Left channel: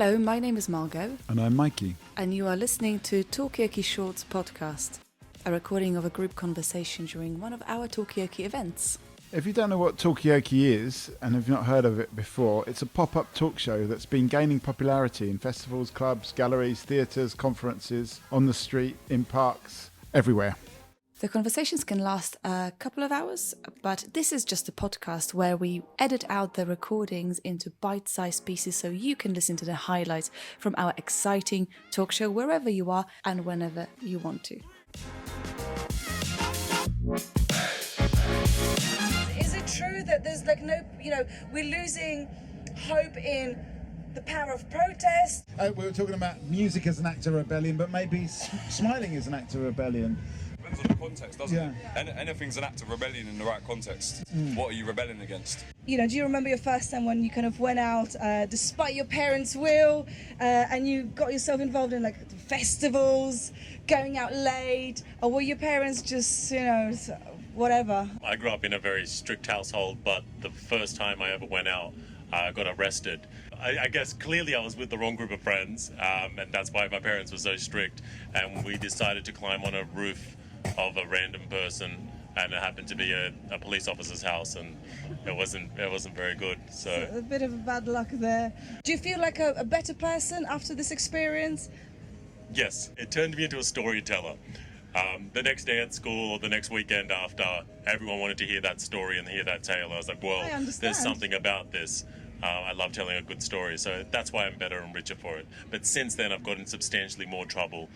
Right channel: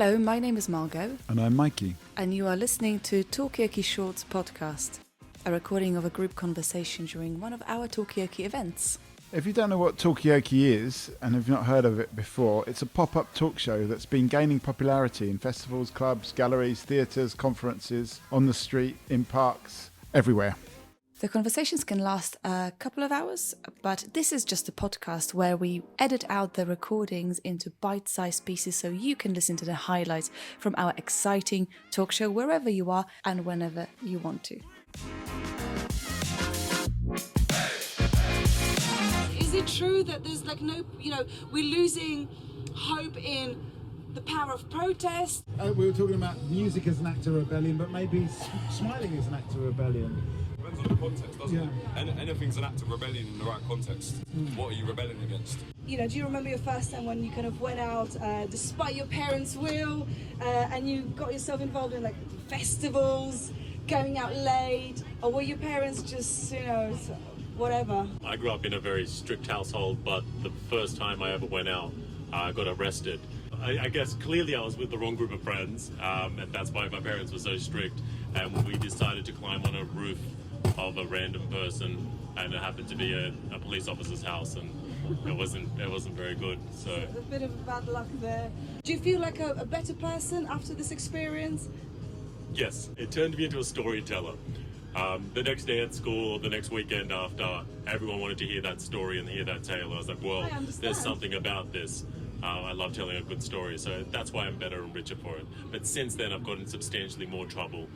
Hello, my name is Margot. And I'm Mikey. And you are listening to Talkaoke Shorts podcast, a recording of a group conversation during one of our Talkaoke events. If you don't know what Talkaoke is, and have not heard of it before, it's a pop-up talk show that's been gaining popularity in festivals, clubs, galleries, theatres, conferences, on the street, in parks, everywhere. The conversations can last a couple of hours, but this is just a podcast where we edit out the recordings into bite-sized pieces so you can listen to the highlights from our exciting talk show wherever you are and whenever you want to. Is it true that there's we're losing hope in the power of protest? We were talking about music as an act of rebellion, but maybe smiling as an act of rebellion. Depends on the context, doesn't it? Anything's an act of rebellion in the right context. What are you rebelling against? Do you remember your first time when you kind of went out despite your parents' will and you got yourself involved in festivals, going out late, or were your parents just, whatever? I grew up in a very strict household, but the first time I ever went out, I got arrested. I guess clearly I was with the wrong group of friends, and that's why my parents were so strict. And we decided to climb on a roof of a random person, and it happened to be a police officer's house, and it wasn't very good. So a bit of bad luck there. Do you feel like a better person after this experience? Yes, it turned me into a storyteller. The next day at school, or the next weekend after, everyone wanted to hear that story and hear that tale. I was like, well, there's something about this. I love telling a good story, so that's why I'm better and richer for it. But since then, I've gotten substantially more trouble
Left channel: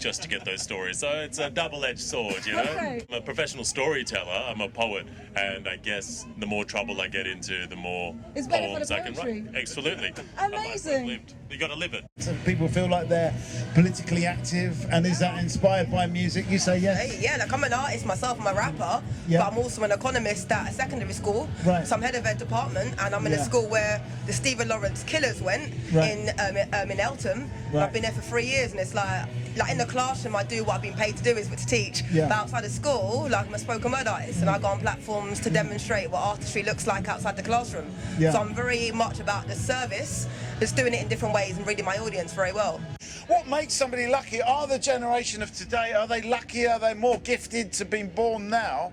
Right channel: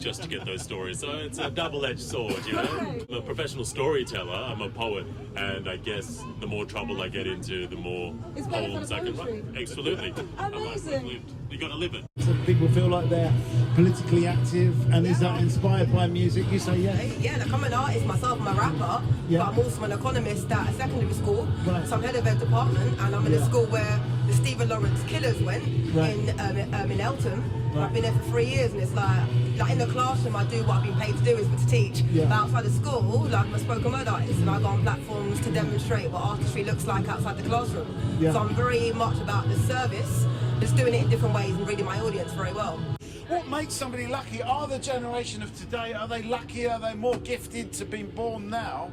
just to get those stories. So it's a double-edged sword, Okay. I'm a professional storyteller, I'm a poet, and I guess the more trouble I get into, the more poems I can write. Absolutely. Amazing. You got to live it. So people feel like they're politically active, and is that inspired by music? You say yes? Yeah, I'm an artist myself, I'm a rapper, but I'm also an economist at a secondary school. Right. So I'm head of a department, and I'm in a school where the Stephen Lawrence Killers went in Eltham. Right. I've been here for 3 years, and it's like in the classroom I do what I've been paid to do, is to teach. Yeah. But outside of school, I'm a spoken word artist, and I go on platforms to demonstrate what artistry looks like outside the classroom. Yeah. So I'm very much about the service, just doing it in different ways and reading my audience very well. What makes somebody lucky? Are the generation of today, are they lucky? Are they more gifted to being born now?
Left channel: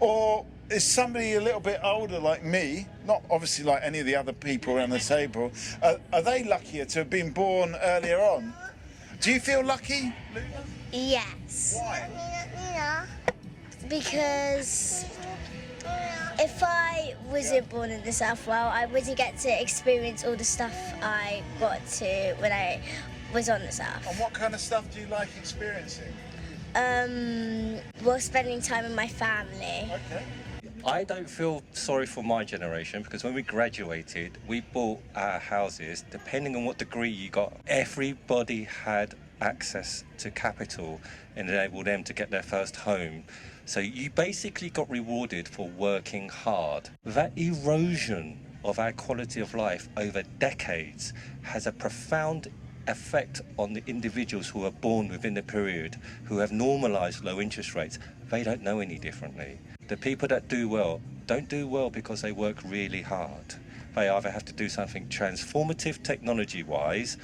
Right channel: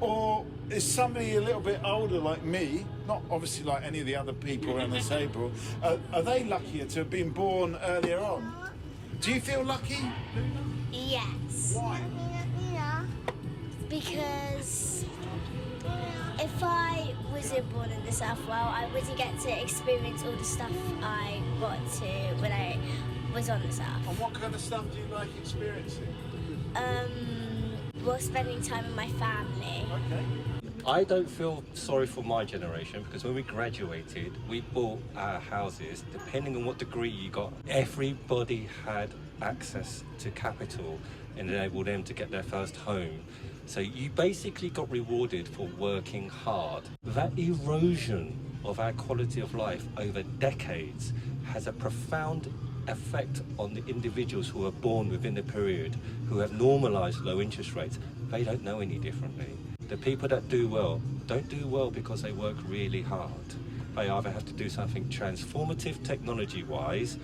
Or is somebody a little bit older like me, not obviously like any of the other people around the table, are they luckier to have been born earlier on? Do you feel lucky? Yes. Why? Because if I wasn't born in the South Wales, I wouldn't get to experience all the stuff I got to when I was on the South. And what kind of stuff do you like experiencing? Well, spending time with my family. Okay. I don't feel sorry for my generation, because when we graduated, we bought our houses depending on what degree you got. Everybody had access to capital and enabled them to get their first home. So you basically got rewarded for working hard. That erosion of our quality of life over decades has a profound effect on the individuals who are born within the period, who have normalised low interest rates. They don't know any differently. The people that do well don't do well because they work really hard. They either have to do something transformative technology-wise,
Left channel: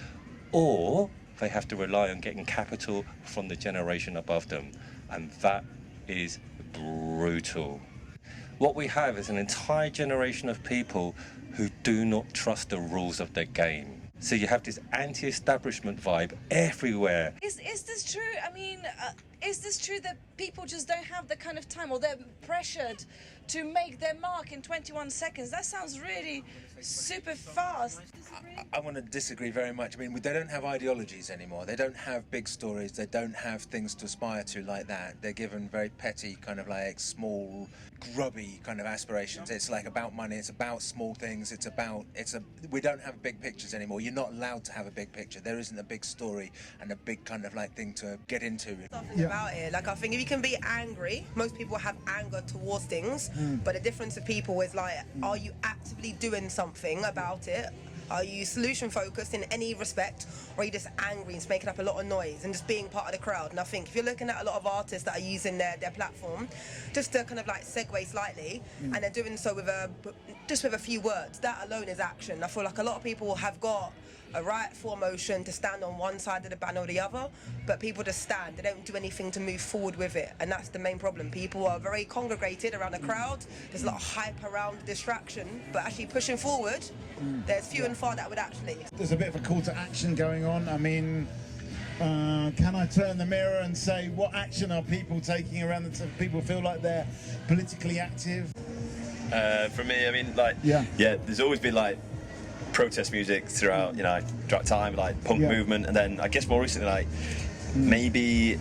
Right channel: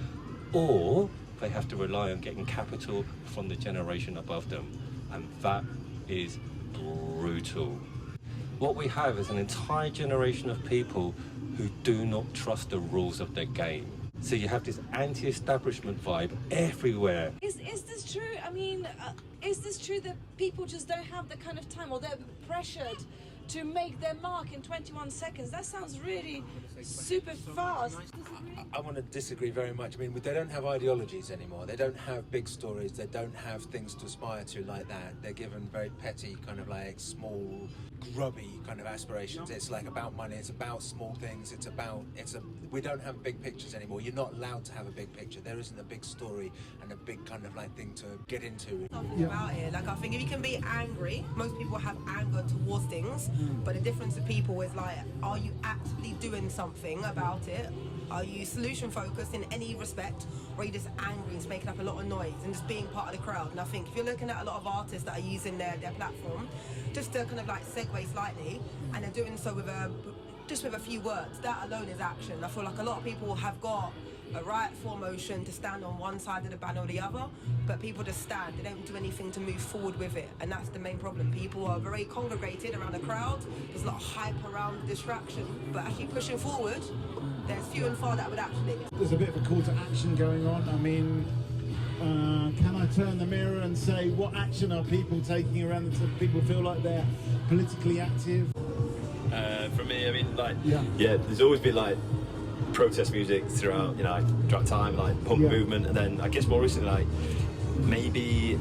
or they have to rely on getting capital from the generation above them. And that is brutal. What we have is an entire generation of people who do not trust the rules of the game. So you have this anti-establishment vibe everywhere. Is this true? I mean, is this true that people just don't have the kind of time, or they're pressured to make their mark in 21 seconds? That sounds really super fast. I want to disagree very much. I mean, they don't have ideologies anymore. They don't have big stories. They don't have things to aspire to like that. They're given very petty, kind of like small, grubby kind of aspirations. It's like about money. It's about small things. We don't have big pictures anymore. You're not allowed to have a big picture. There isn't a big story and a big kind of like thing to get into. Something about it. I think if you can be angry, most people have anger towards things, but the difference of people is are you actively doing something about it? Are you solution focused in any respect, or are you just angry and just making up a lot of noise and just being part of the crowd? And I think if you're looking at a lot of artists that are using their platform just to kind of segue slightly, and they're doing so with a few words, that alone is action. I feel like a lot of people have got a right motion to stand on one side of the banner or the other, but people just stand. They don't do anything to move forward with it, and that's the main problem. People are very congregated around a crowd. There's a lot of hype around distraction, but actually pushing forward, there's few and far that would actually. There's a bit of a call to action going on. I mean, can I turn the mirror and say, what action are people taking around the people feel like they're politically active? For me, I mean, like, there's always been like protest music throughout, throughout time, like punk movement, and then I guess more recently, like maybe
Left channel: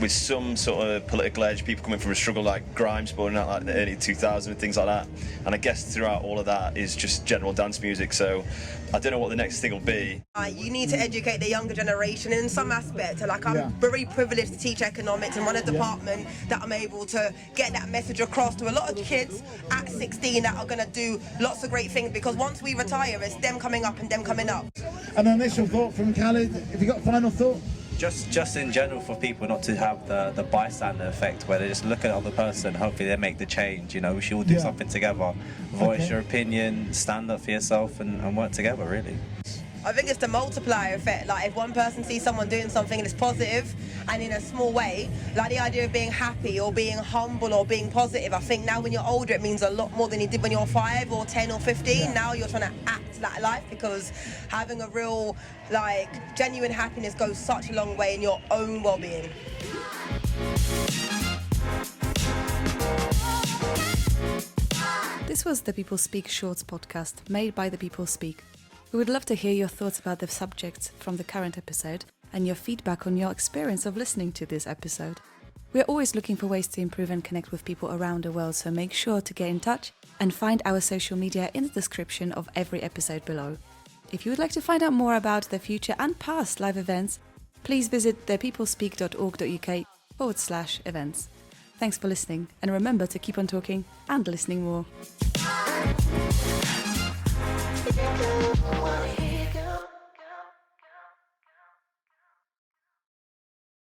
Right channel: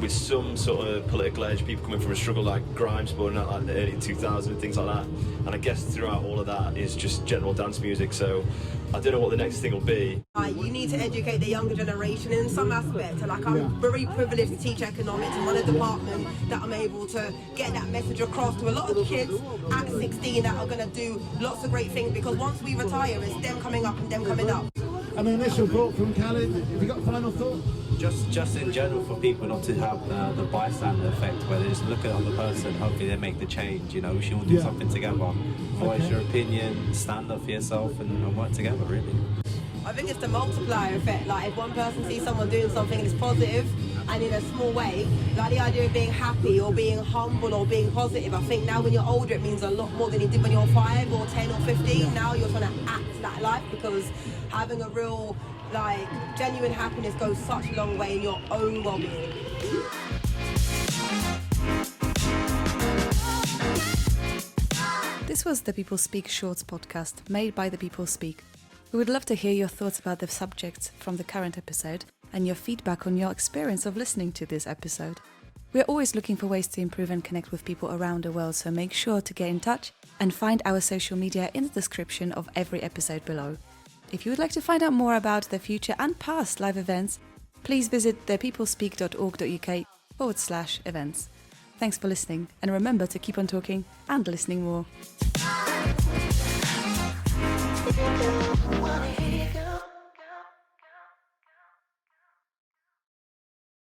with some sort of political edge, people coming from a struggle like grime spawning out like the early 2000s and things like that. And I guess throughout all of that is just general dance music. So I don't know what the next thing will be. You need to educate the younger generation in some aspect. Like I'm very privileged to teach economics and run a department that I'm able to get that message across to a lot of kids at 16 that are going to do lots of great things, because once we retire, it's them coming up and them coming up. An initial thought from Khalid. Have you got a final thought? Just in general, for people not to have the bystander effect where they just look at the other person, hopefully they make the change. We should all do something together. Voice your opinion, stand up for yourself and work together, really. I think it's the multiplier effect. Like if one person sees someone doing something and it's positive and in a small way, like the idea of being happy or being humble or being positive, I think now when you're older it means a lot more than you did when you're 5 or 10 or 15. Now you're trying to act like life, because having a real, genuine happiness goes such a long way in your own well-being. This was the People Speak Shorts podcast, made by The People Speak. We would love to hear your thoughts about the subjects from the current episode and your feedback on your experience of listening to this episode. We are always looking for ways to improve and connect with people around the world, so make sure to get in touch and find our social media in the description of every episode below. If you would like to find out more about the future and past live events, please visit thepeoplespeak.org.uk/events. Thanks for listening, and remember to keep on talking and listening more.